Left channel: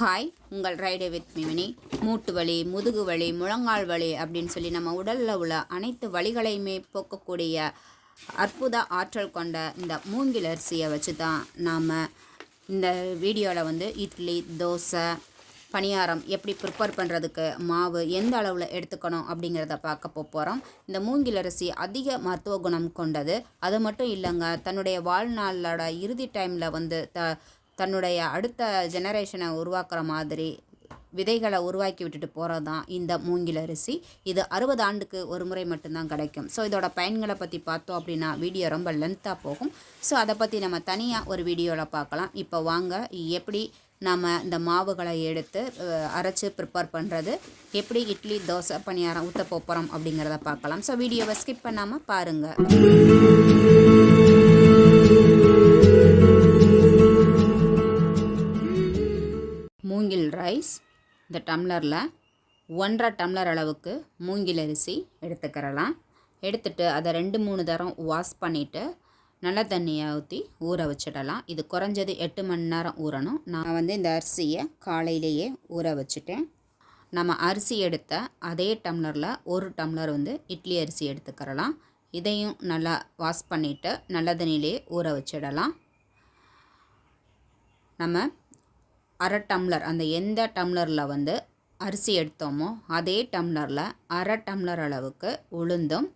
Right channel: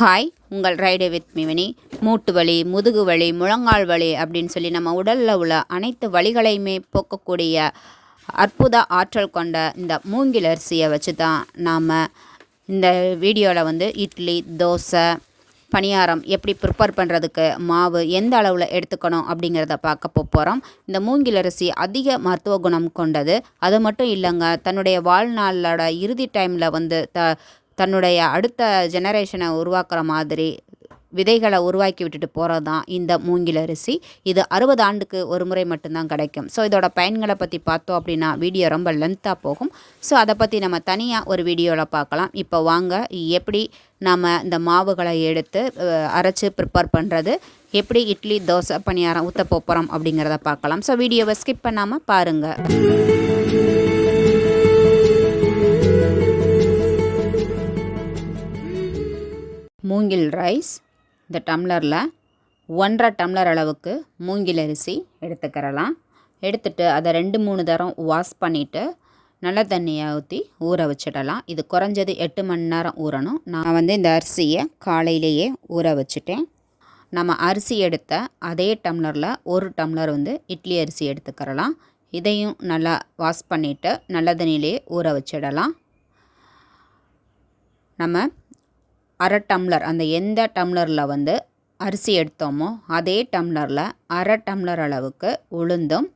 Hi உங்கள் ride with மிவினி மூட்டு வலி முதுகு வலி முழங்கால் வலி அப்படின்னு சொல்லி நம்ம உடலில் உள்ள அனைத்து வலிகளையுமே போக்கக்கூடிய அற்புத ஆற்றல் கொண்ட இந்த மூங்கில் அரிசியை வச்சு தான் நாம் இந்த வீடியோவில் வந்து இட்லி தோசை பணியாரம் எப்படி ப்ரிப்பேர் பண்ணுறதுக்கு மாவு எந்த அளவில் எடுத்துக்கணும் அப்படிங்கிறத பார்க்க போகிறோம் இந்த மூங்கில் அரிசி அதிக மருத்துவ குணம் கொண்டது. அது மட்டும் இல்லைங்க தன்னுடைய வாழ்நாளோட இறுதி டைமில் வந்து த தன்னுடைய அடுத்த ஜெனரேஷனை உருவாக்குற மாதிரி விதைகளை உருவாக்கி விட்டுட்டு போகிறது தான் இந்த மூங்கில் அரிசி. இது அறுபது ஆண்டுக்கு ஒரு முறை மட்டும்தான் கிடைக்கும். ஸோ இதோட பயன்களை பற்றி பார்த்தோம் அப்படின்னா வீடியோ ரொம்ப லென்த்தாக போகும். ஸோ அதை பற்றி நம்ம தனியாக ஒரு வீடியோவில் பார்க்கலாம். இப்போ வாங்க எப்படி நம்ம இந்த மாவுகளை எடுத்து அரைச்சி அரைச்சு ப்ரிப்பேர் பண்ணுறது எப்படி இட்லி தோசை பணியாரம் ஊற்ற போகிறோம் அப்படிங்கிறத பார்க்கலாம். ஸோ வீடியோவை ஸ்கிப் பண்ணாமல் பாருங்கள் மூங்கில் ரைஸ் இந்த டம்ளரில் ஒன்றரை டம்ளர் அளவுக்கு மூங்கில் அரிசி எடுத்துக்கிறலாம். எடுத்துட்டு அதை ரெண்டு மூணு தரம் வாஷ் பண்ணிவிட்டு நல்ல தண்ணியை ஊற்றி ஊற வச்சிடலாம். இது குறைஞ்சது எட்டு மணி நேரம் ஊறணும். நான் வந்து இந்த அரிசியை காலையிலேயே ஊற வச்சுட்டேன். நம்ம அரிசி எடுத்த அதே டம்ளரில் ஒரு டம்ளர் வந்து இட்லி அரிசி எடுத்துக்கிறலாம். இதையும் நல்லா வாஷ் பண்ணிவிட்டு நல்ல தண்ணியிலே ஊற வச்சிடலாம். நம்ம அரை டம்ளர் அந்த எந்த டம்ளரில் வந்து அரிசி எடுத்தோமோ அதே டம்ளரில் அரை டம்ளர் அளவுக்கு உளுந்தும்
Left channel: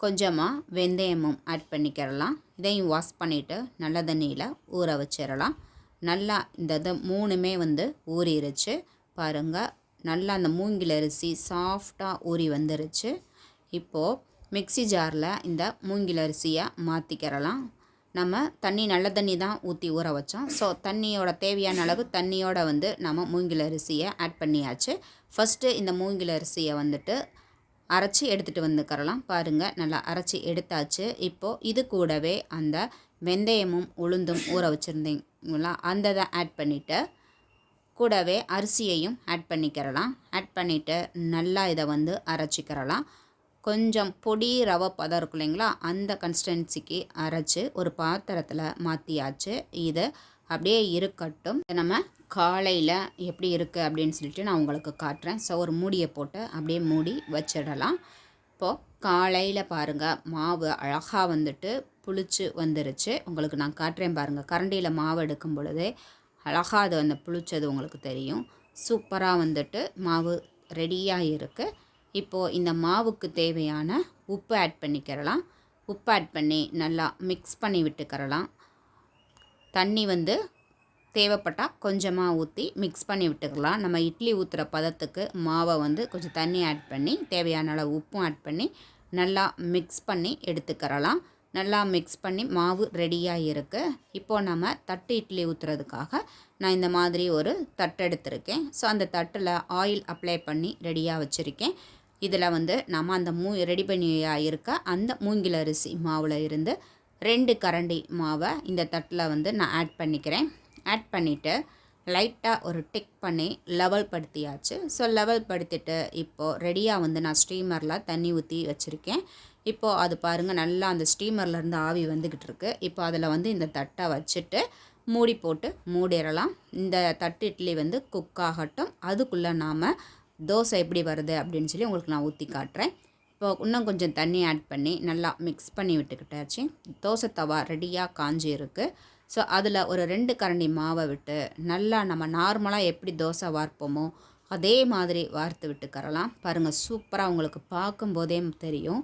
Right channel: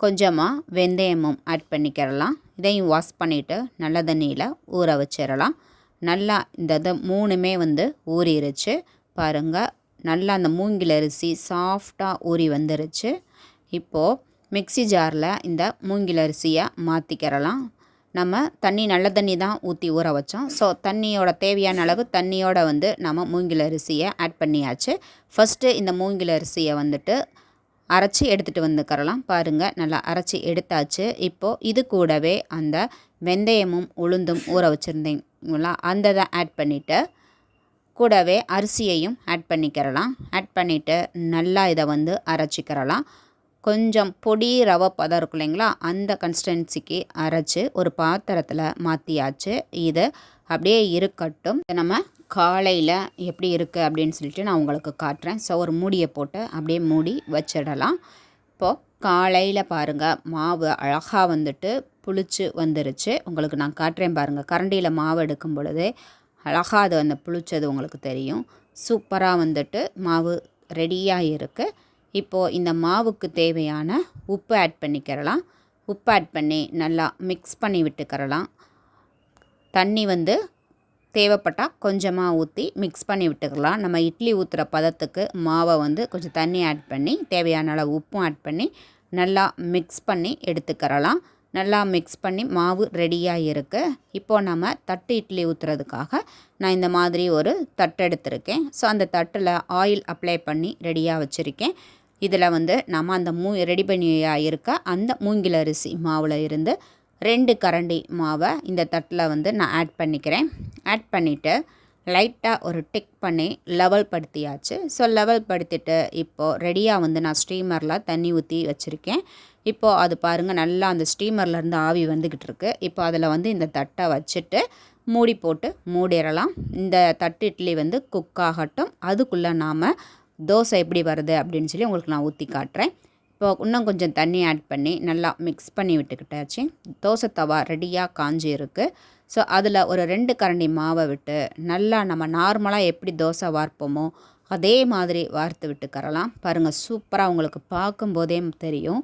கொஞ்சமாக வெந்தயமும் ஆட் பண்ணிக்கிறலாம். இதையும் வாஷ் பண்ணிவிட்டு நல்ல தண்ணியில் ஊற வச்சிடலாம் நல்லா இந்த இது மூணுமே வந்து ஊறிடுச்சு பாருங்கள் நல்லா அந்த மூங்கில் அரிசி சாஃப்டாக ஊறி வந்துருச்சு. இப்போது மிக்ஸி ஜாரில் இந்த மூங்கில் அரிசியை மாற்றிக்கிறலாம் நம்ம தண்ணி நல்ல தண்ணி தான் ஊற்றி ஊற வச்சோம். ஸோ தண்ணியோட தேவையான அளவு தண்ணியோட வந்து நம்ம மூங்கில் அரிசியை ஆட் பண்ணியாச்சு. ஃபஸ்ட்டு இந்த மூங்கில் அரிசியை வந்துட்டு அரைச்சி எடுத்துகிட்டு வந்துக்கிறலாம் பாருங்கள் நல்லா அரைச்சி எடுத்தாச்சு. இப்போது இது கூடவே அந்த வெந்தயமும் உளுந்தும் ஊற வச்சுருந்தீங்களா அந்த இதை ஆட் பண்ணிவிட்டு கூடவே அரிசியையும் ஆட் பண்ணிக்கிறலாம் ஆட் பண்ணிவிட்டு நல்லா இதை வந்து அரைச்சிக்கிறலாம் கொஞ்சம் பொடி ரவை பதம் இருக்கும் இல்லைங்களா? அந்த கன்சிஸ்டன்சிக்கு அரைச்சி ஒரு பாத்திரத்தில் மாற்றியாச்சு இது அப்படியே இருக்கட்டும். இதை நம்ம காலையில் எப்படி இருக்குது அப்படின்னு சொல்லிட்டு நான் உங்களுக்கு காட்டுறேன். ஸோ ஒரு மூடியை போட்டு அப்படியே மூடி வச்சிடலாம். இப்போது காலையில் பாருங்கள் மாவு அழகாக வந்துட்டு புளிச்சு வந்துருச்சு. உங்களுக்கு நான் காட்டுறேன் பாருங்கள் கரண்டியில் மாவு எடுக்கும் பொழுதே அழகாக அது வந்து புளிச்சது உங்களுக்கு தெரியும். சூப்பராக வந்துட்டு மாவு ரெடியாக இருக்குது இப்போது இந்த மாவுக்கு தேவையான உப்பு ஆட் பண்ணிக்கிறலாம். உப்பு ஆட் பண்ணி நல்லா மிக்ஸ் பண்ணி விட்டுக்கிறலாம். தண்ணி வந்து தேவைப்பட்டால் கொஞ்சமாக ஊற்றி மிக்ஸ் பண்ணி விட்டுக்கலாம். நம்ம இட்லி ஊற்றுற பதத்துக்கு மாவை வந்து கொஞ்சம் தண்ணி ஆட் பண்ணி தேவையான அளவு உப்பும் ஆட் பண்ணி நல்லா மிக்ஸ் பண்ணி எடுத்துக்கிறலாம். நல்லா மிக்ஸ் பண்ணி மாவு ரெடியாக இருக்குது இப்போது நம்ம தட்டு இட்லி ஊற்றுறதுக்காக நான் இந்த மாதிரி ஒரு தட்டு எடுத்திருக்கேன். ஸோ அந்த தட்டில் ஆயில் அப்ளை பண்ணி ரெடியாக வச்சுருக்கேன். இதில் வந்து நம்ம அந்த மூ ரெடி பண்ணியாக இருக்க அந்த மூங்கில் அரிசி மாவில் இருந்து ரெண்டு கரண்டி மாவை இந்த தட்டில் வந்து நான் ஆட் பண்ணிக்கிறேன். ஆட் பண்ணிவிட்டு லைட்டாக ஒரு டிக் பண்ணி லெவல் படுத்தியாச்சு. ஸோ லெவல் படுத்திட்டு இப்போது ரெடியாக வந்து நான் ஸ்டீமரில் தண்ணி ஊற்றி வச்சுருக்கேன். இப்போது அது பாருங்கள் நல்லா அந்த ஸ்டீமர்லேருந்து ஆவி வந்துக்கிட்டு இருக்கு. இப்போ அதில் வந்து இந்த தட்டை வச்சுட்டு மூடி போட்டு மூடிடலாம். இந்த தட்டு இட்லி வந்து குக் ஆகட்டும். அதுக்குள்ளே நாம் தோசை எப்படி வருது அப்படின்னு சொல்லி உங்களுக்கு நான் ஊற்றி காட்டுறேன். இப்போ இன்னும் கொஞ்சம் தண்ணி ஆட் பண்ணி நல்லா மிக்ஸ் பண்ணி விட்டுக்கிட்டாச்சு. தோசை தவா ரெடியாக காஞ்சி இருக்குது ஸோ அதில் ஒரு ரெண்டு கரண்டி மாவை விட்டு நல்லா நம்ம நார்மலாக எப்படி தோசை வார்ப்போமோ அதே மாதிரி வார்த்து விட்டுக்கரலாம் பாருங்கள் சூப்பராக உங்களுக்கு பார்க்கும்போதே தெரியும்.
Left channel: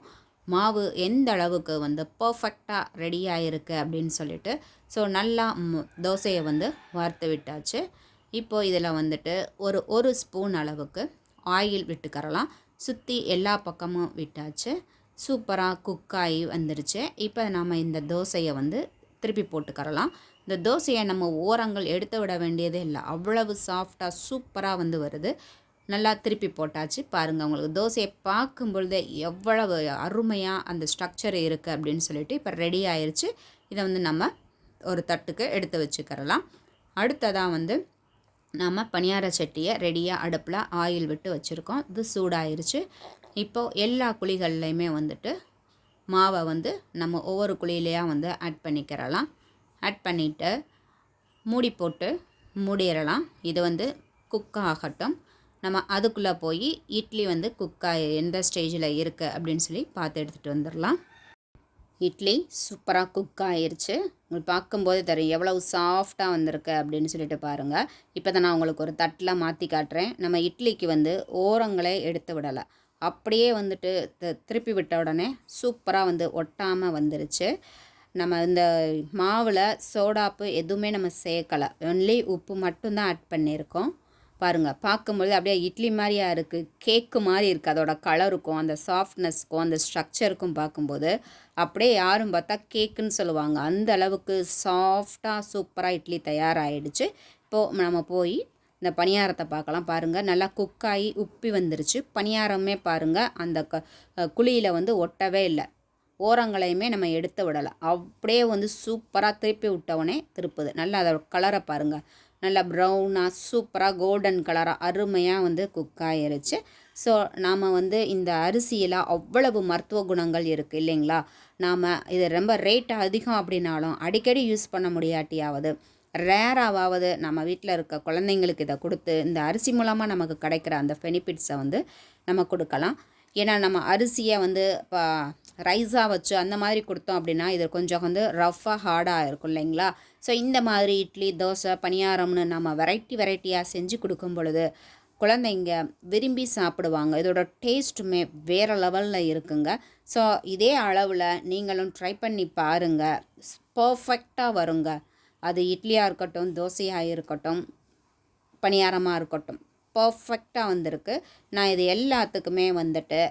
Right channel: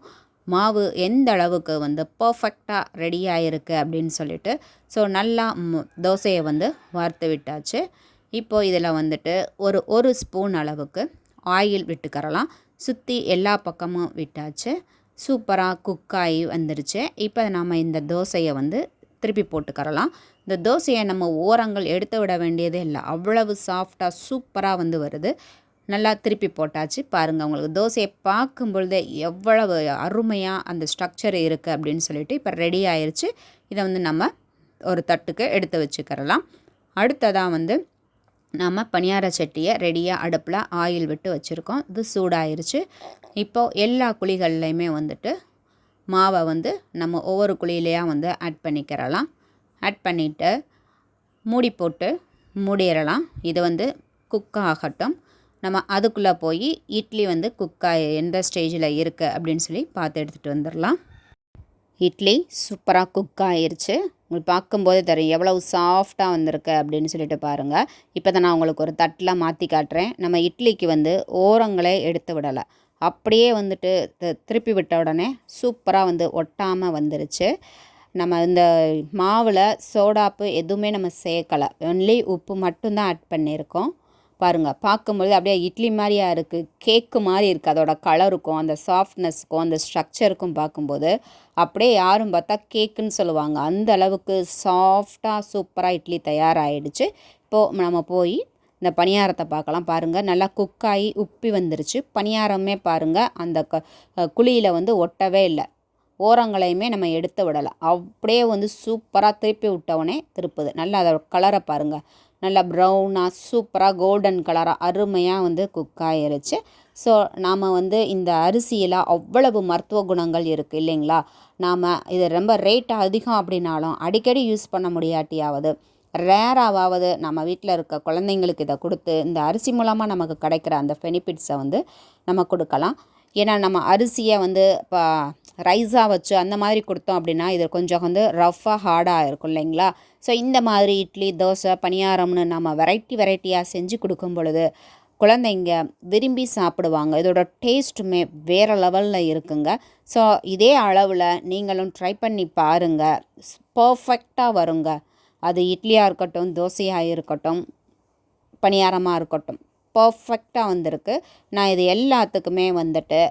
மாவு எந்த அளவுக்கு வந்து பர்ஃபெக்டாக ரெடியாக இருக்குது அப்படின்னு சொல்லிட்டு. ஸோ நல்லா தோசையை வந்து வார்த்து விட்டாச்சு. இப்போது இதில் வந்துட்டு ஒரு ஒரு ஸ்பூன் அளவுக்கு ஆயில் விட்டுக்கறலாம். சுற்றி எல்லா பக்கமும் விட்டாச்சு. சூப்பராக குக் ஆகி வந்துருச்சு. இப்போ நாம் இந்த தோசையை வந்து திருப்பி போட்டுக்கரலாம் இந்த தோசையை நம்ம ஓரங்கள் எடுத்து விட வேண்டியதே இல்லை. அவ்வளவு சாஃப்டாக சூப்பராக வந்து வருது. நல்லா திருப்பி போட்டாச்சு. பாருங்கள் உங்களுக்கு தோசையை பார்க்கும் பொழுதே எவ்வளவு அருமையாக அந்த ஸ்ட்ரக்சர் இருக்குது அப்படின்னு சொல்லிட்டு இப்போ ரெடி ஆயிடுச்சு இதை வந்து நம்ம ஒரு தட்டுக்கு எடுத்து வச்சுக்கிறலாம். அடுத்ததாக வந்து நம்ம பணியார சட்டியை ரெடியாக அடுப்பில் ஆயில் விட்டு வச்சுருக்கோம். இது சூடாயிருச்சு. இப்போது எல்லா குழிகள்லையுமே வந்துட்டு மாவை வந்து நம்ம ஒவ்வொரு குழியிலையாக வந்து ஆட் பண்ணிக்கிறலாம். ஆட் பண்ணிவிட்டு மூடி போட்டு மூடிடலாம். இது வந்து குக் ஆகட்டும். நம்ம அதுக்குள்ளே போய் இட்லி வந்து குக்காக எந்த ஸ்டேஜில் இருக்குது அப்படின்னு சொல்லி பார்த்து எடுத்துகிட்டு வந்துடலாம். இட்லி சூப்பராக குக் ஆயிடுச்சு உங்களுக்கு பார்க்கும்போதே தெரியும் எவ்வளவு சாஃப்டாக வந்திருக்கு அப்படின்னு சொல்லிட்டு பாருங்கள் இப்போ தான் நான் உங்களுக்கு ஒரு தட்டில் மாற்றி காட்டுறேன். நம்ம இட்லிக்கு வந்து ஓரங்களே எடுத்து விடலை. அப்படியே வந்துட்டு திருப்பி விட்ட உடனே சூப்பராக வந்து ஒட்டாமல் வந்துருச்சு. நம்ம இந்த மாவில் சோடாப்பு எதுவுமே நம்ம சேர்க்கலை. ஒன்லி உப்பு மட்டும்தான் ஆட் பண்ணியிருக்கோம். பாருங்கள் பார்க்கும்பொழுது அப்படியே இட்லி மாதிரியா இருக்குது கேக்கு மாதிரி இருக்குது அதோட கலருக்கும் அந்த சாஃப்ட்னஸ்க்கும் அந்த ஸ்ட்ரக்சருக்கும் பார்க்கும்போது அப்படியே யாரும் பார்த்தா கேக்குன்னு சொல்லுவாங்க. அந்த அளவுக்கு சாஃப்டாக சூப்பராக இட்லி தயாராகிடுச்சு இப்போது நம்ம போய் இந்த பணியாரத்தை பார்க்கலாம். பாருங்கள் நல்லா குக்காகி உப்பி வந்துருச்சு. பணியாரமே பாருங்கள் அந்த க குழியில் வந்து ஒட்டவே இல்லை. ஓரங்களையுமே நம்ம எடுத்து விடலாம் அப்படியே வந்து சூப்பராக திருப்பி விட்டவுடனே திருப்புது. நல்லா அதோட கலரை பாருங்கள் நல்லா ப்ரௌனாக சூப்பராக கோல்டன் கலராக அருமையாக வந்து குக் ஆயிருச்சு. ஸோ நாம் வந்து இந்த அரிசியில் அவ்வளவு மருத்துவ குணங்கள் இருக்குது இல்லைங்களா? நாம் இது ரொம்ப ரேட் அதிகம் அப்படின்னாலும் அடிக்கடி யூஸ் பண்ண முடியாட்டியாவது ரேராவது நம்ம வீட்டில் இருக்க குழந்தைங்களுக்கு இதை கொடுத்து இந்த அரிசி மூலமாக நமக்கு கிடைக்கிற அந்த பெனிஃபிட்ஸை வந்து நம்ம கொடுக்கலாம். ஏன்னா நம்ம அரிசியை வந்து இப்போ ரைஸாக வச்சு அந்த மாதிரி கொடுத்தோம் அப்படின்னா இது கொஞ்சம் வந்து ரஃப்பாக ஹார்டாக இருக்கும் இல்லைங்களா? ஸோ இந்த மாதிரி இட்லி தோசை பணியாரம்னு நம்ம வெரைட்டி வெரைட்டியாக செஞ்சு கொடுக்கும் பொழுது குழந்தைங்க விரும்பி சாப்பிடுவாங்க. இதோட டேஸ்ட்டுமே வேறு லெவலில் இருக்குங்க. ஸோ இதே அளவில் நீங்களும் ட்ரை பண்ணி பாருங்கள் பர்ஃபெக்டாக வருங்க. அது இட்லியாக இருக்கட்டும் தோசையாக இருக்கட்டும் பணியாரமாக இருக்கட்டும். பர்ஃபெக்டாக வந்திருக்கு. நான் இது எல்லாத்துக்குமே வந்துட்டு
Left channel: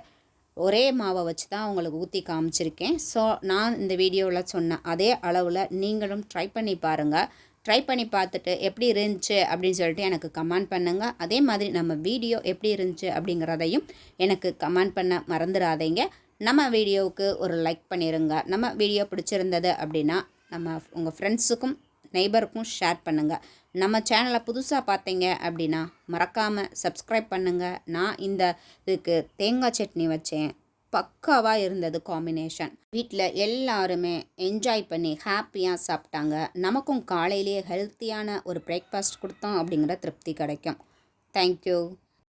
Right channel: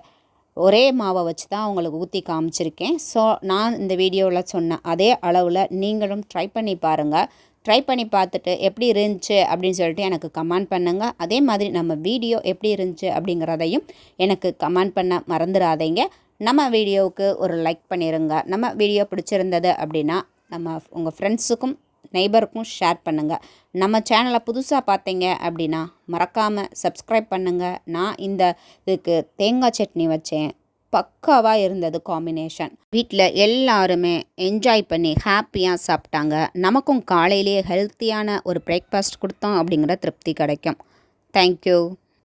ஒரே மாவை வச்சு தான் உங்களுக்கு ஊற்றி காமிச்சிருக்கேன். ஸோ நான் இந்த வீடியோவில் சொன்ன அதே அளவில் நீங்களும் ட்ரை பண்ணி பாருங்கள் ட்ரை பண்ணி பார்த்துட்டு எப்படி இருந்துச்சு அப்படின்னு சொல்லிட்டு எனக்கு கமெண்ட் பண்ணுங்கள் அதே மாதிரி நம்ம வீடியோ எப்படி இருந்துச்சு அப்படிங்கிறதையும் எனக்கு கமெண்ட் பண்ண மறந்துடாதீங்க. நம்ம வீடியோவுக்கு ஒரு லைக் பண்ணிடுங்க நம்ம வீடியோ பிடிச்சிருந்தது அப்படின்னா நம்ம உங்கள் ஃப்ரெண்ட்ஸுக்கும் நெய்பருக்கும் ஷேர் பண்ணுங்கள் நம்ம சேனலை புதுசாக பார்த்தீங்க அப்படின்னா மறக்காமல் சப்ஸ்கிரைப் பண்ணுங்கள் நான் இந்த இதுக்கு தேங்காய் சட்னி வச்சேன். பக்காவாக இருந்தது காம்பினேஷன் வீட்டில் எல்லாருமே என்ஜாய் பண்ணி ஹாப்பியாக சாப்பிட்டாங்க. நமக்கும் காலையிலேயே ஹெல்த்தியான ஒரு பிரேக்ஃபாஸ்ட் கொடுத்தோம் அப்படிங்கிற திருப்தி கிடைக்கும். தேங்க்யூ